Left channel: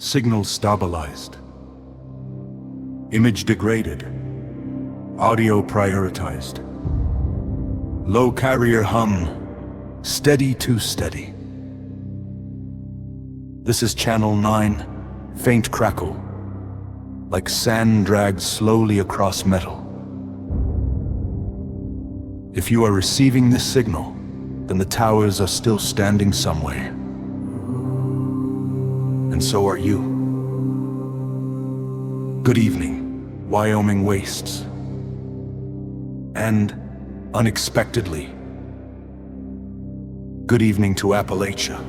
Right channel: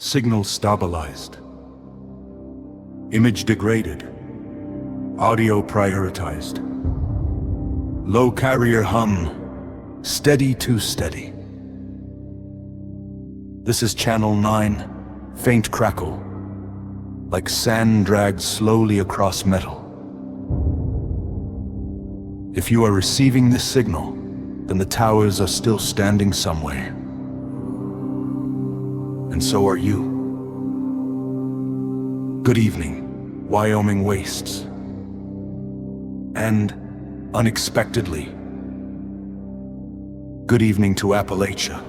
Signal stabilized. Image degraded. Audio prioritized. Low carrier hum. Steady to steady. This is channel 9. Faint crackle. Like sand dragged slowly across metal. If you are receiving this signal, then the towers are still standing somewhere. And so are you. Good evening, Wyoming wastes. And, unexpectedly, good evening to Appalachia.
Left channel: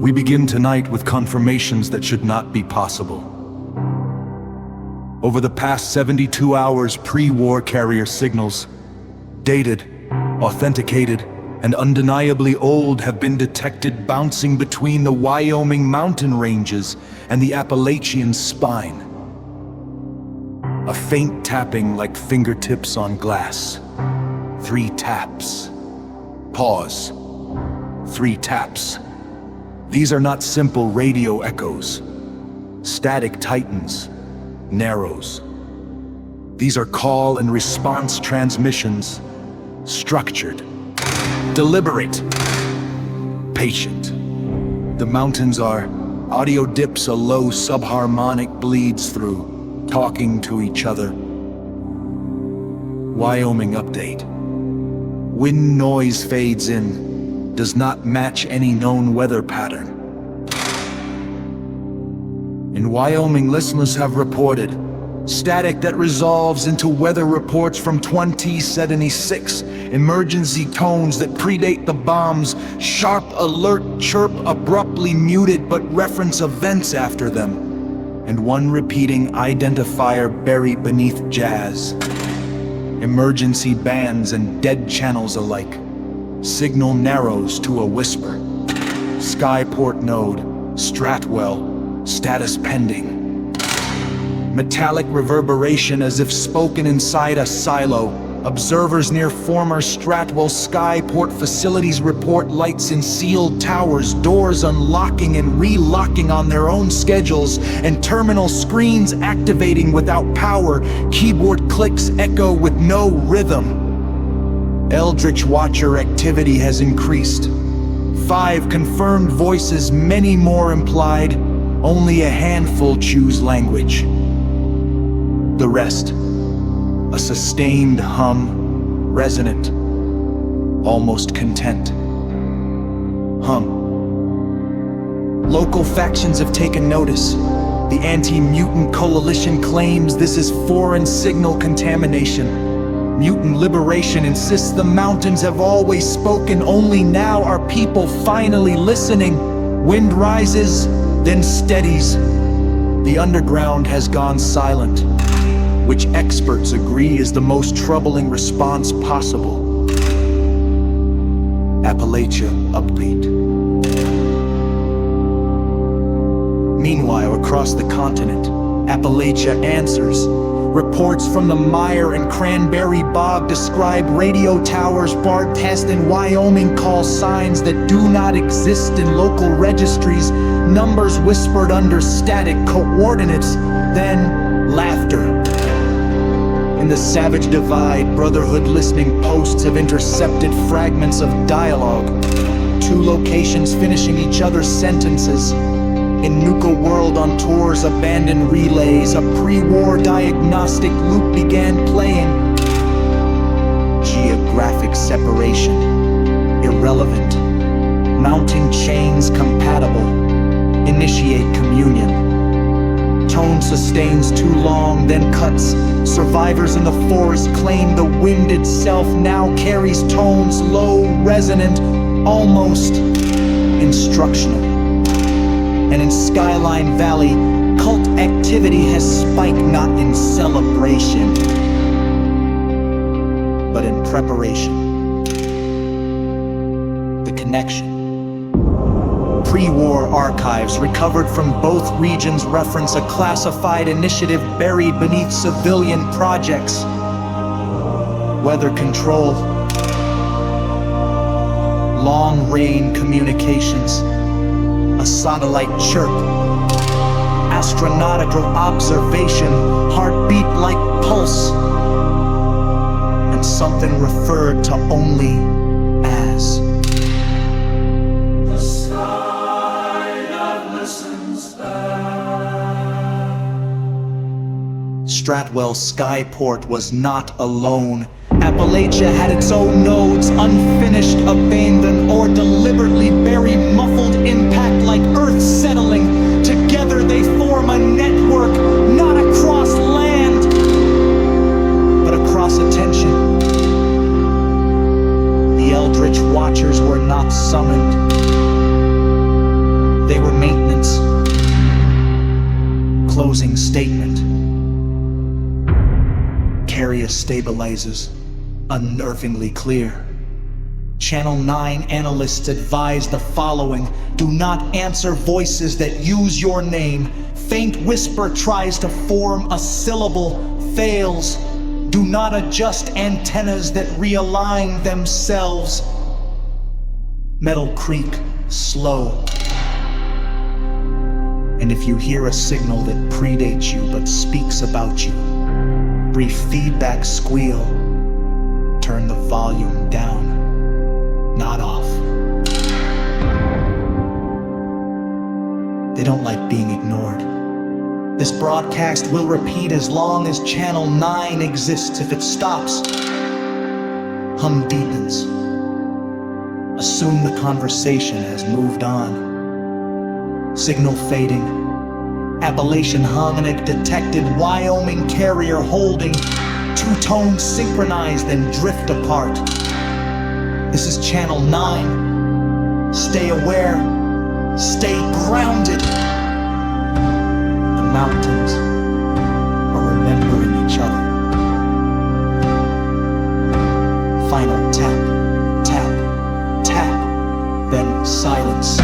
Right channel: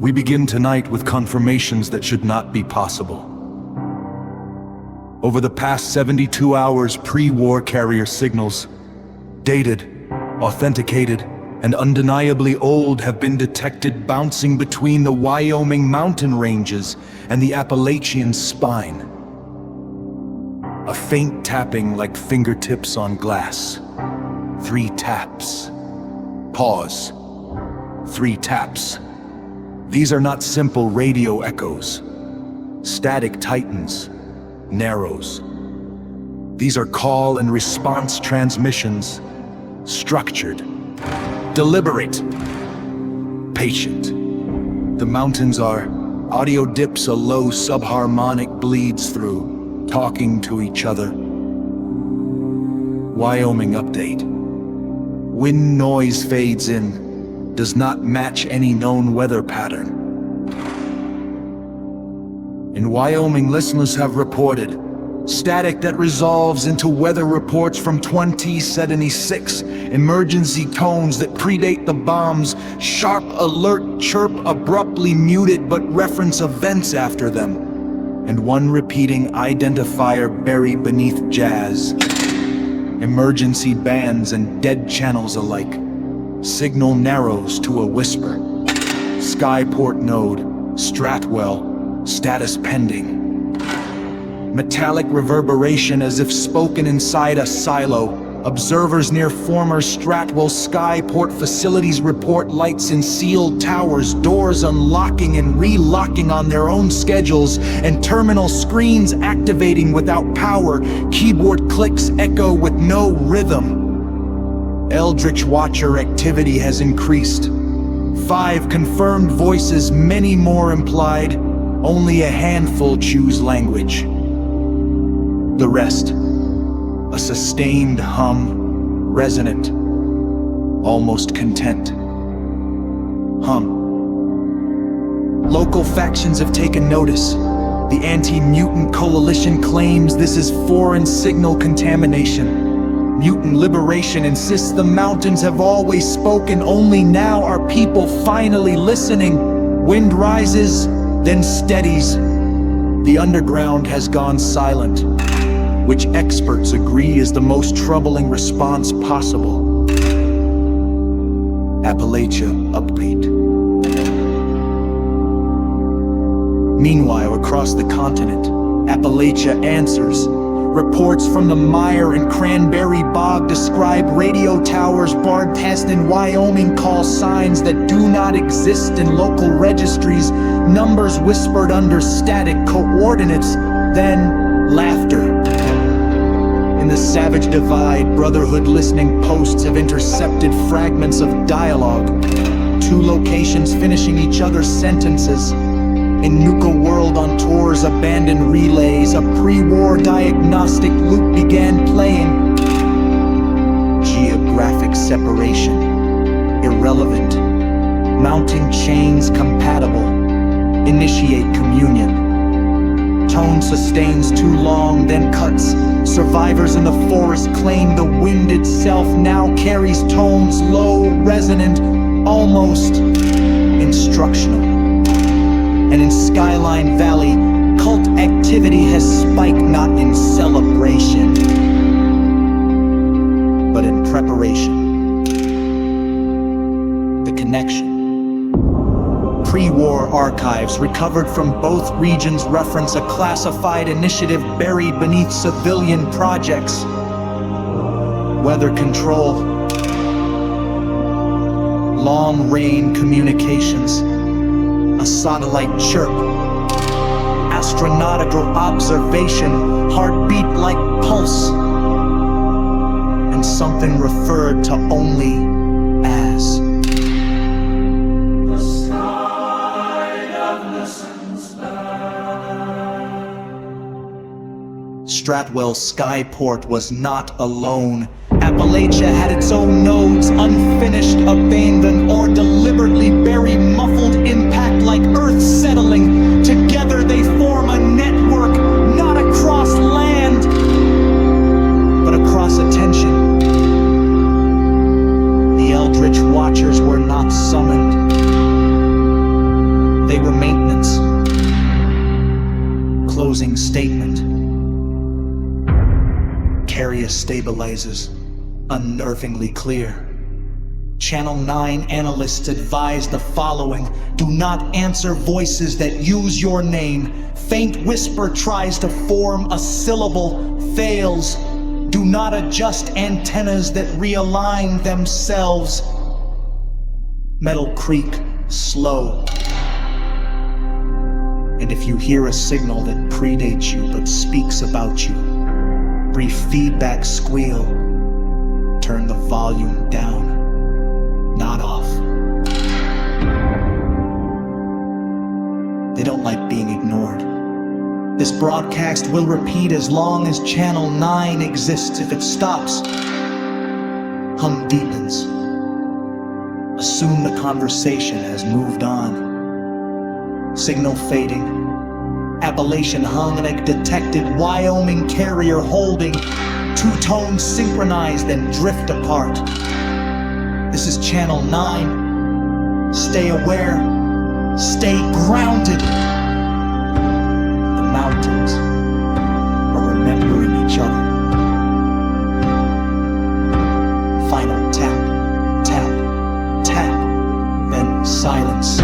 We begin tonight with confirmations that should not be possible. Over the past 72 hours, pre-war carrier signals, dated, authenticated, and undeniably old, have been detected bouncing between the Wyoming mountain ranges and the Appalachian spine. A faint tapping like fingertips on glass. 3 taps. Pause. 3 taps. These are not simple radio echoes. Static tightens, narrows. These are call and response transmissions, structured, deliberate, patient. The mountains are audio dips, a low subharmonic bleeds through, talking to each other. Wyoming update. Wind noise fades in, does not match any known weather pattern. In Wyoming, listeners have reported static that resolves into weather reports from 2076, emergency tones that predate the bombs, sharp alert chirp abruptly muted but reference events after them, and one repeating identifier buried beneath jazz. Emergency bands and dead channels alike. Signal narrows to a whisper. Skyport node, Stratwell, status pending. Metallic reverberation as if spoken inside a silo. Observers near former Stratwell Skyport facilities report lights in sealed towers, doors unlocking and relocking on their own schedules, and terminal screens activating without power. Keyboard clicks echo with no rhythm. Eldritch Watcher activity has increased. 5 confirmed voices, many more implied. Only a handful choose language. The rest, a sustained hum, resonant, almost content. Hum. Local factions have taken notice. The anti-mutant coalition claims this is foreign signal contamination. Mutant Liberation insists the mountains have always spoken, only now are people finally listening. Wind rises, then steadies. The underground has gone silent, which experts agree is the most troubling response possible. Appalachia upbeat. Meanwhile, across the continent, Appalachia answers. Reports from the Mire and Cranberry Bog describe radio towers broadcast in Wyoming call signs that do not exist in local registries, numbers whispered under static coordinates, then laughter. In the Savage Divide, Brotherhood listening posts have intercepted fragments of dialogue, 2 locations finishing each other's sentences. In Nuka World on tours, abandoned relays, a pre-war diagnostic loop began playing. Geographic separation, irrelevant. Mounting chains compatible. Initiate communion. Tone sustains too long, then cuts. Survivors in the forest claim the wind itself now carries tones low, resonant, almost instructional. And in Skyline Valley, cult activity has spiked not in celebration, but in preparation. The connection. Pre-war archives recovered from both regions reference a classified initiative buried beneath civilian projects. Weather control, long-range communications, A satellite chirp, astronautical observation, heartbeat like pulse, and something referred to only as the sky that listens back. Stratwell's skyport was not alone. Appalachia had its own nodes, unfinished, abandoned, or deliberately buried, muffled impact like earth settling. Together they form a network, not across land, but across attention. The Eldritch Watchers were not summoned. They were maintenance. Closing statement. Carrier stabilizers. Unnervingly clear. Channel 9 analysts advise the following: do not answer voices that use your name. Faint whisper tries to form a syllable, fails. Do not adjust antennas that realign themselves. Metal creak, slow. And if you hear a signal that predates you but speaks about you, brief feedback squeal. Turn the volume down, not off. They don't like being ignored. This broadcast will repeat as long as Channel 9 exists. If it stops, hum deepens. Assume the conversation has moved on. Signal fading. Appalachian hung and a detected Wyoming carrier holding. Two tones synchronized and drift apart. This is Channel 9. Stay aware. Stay grounded. The mountains are remembering each other. Final tap, tap, tap, then silence.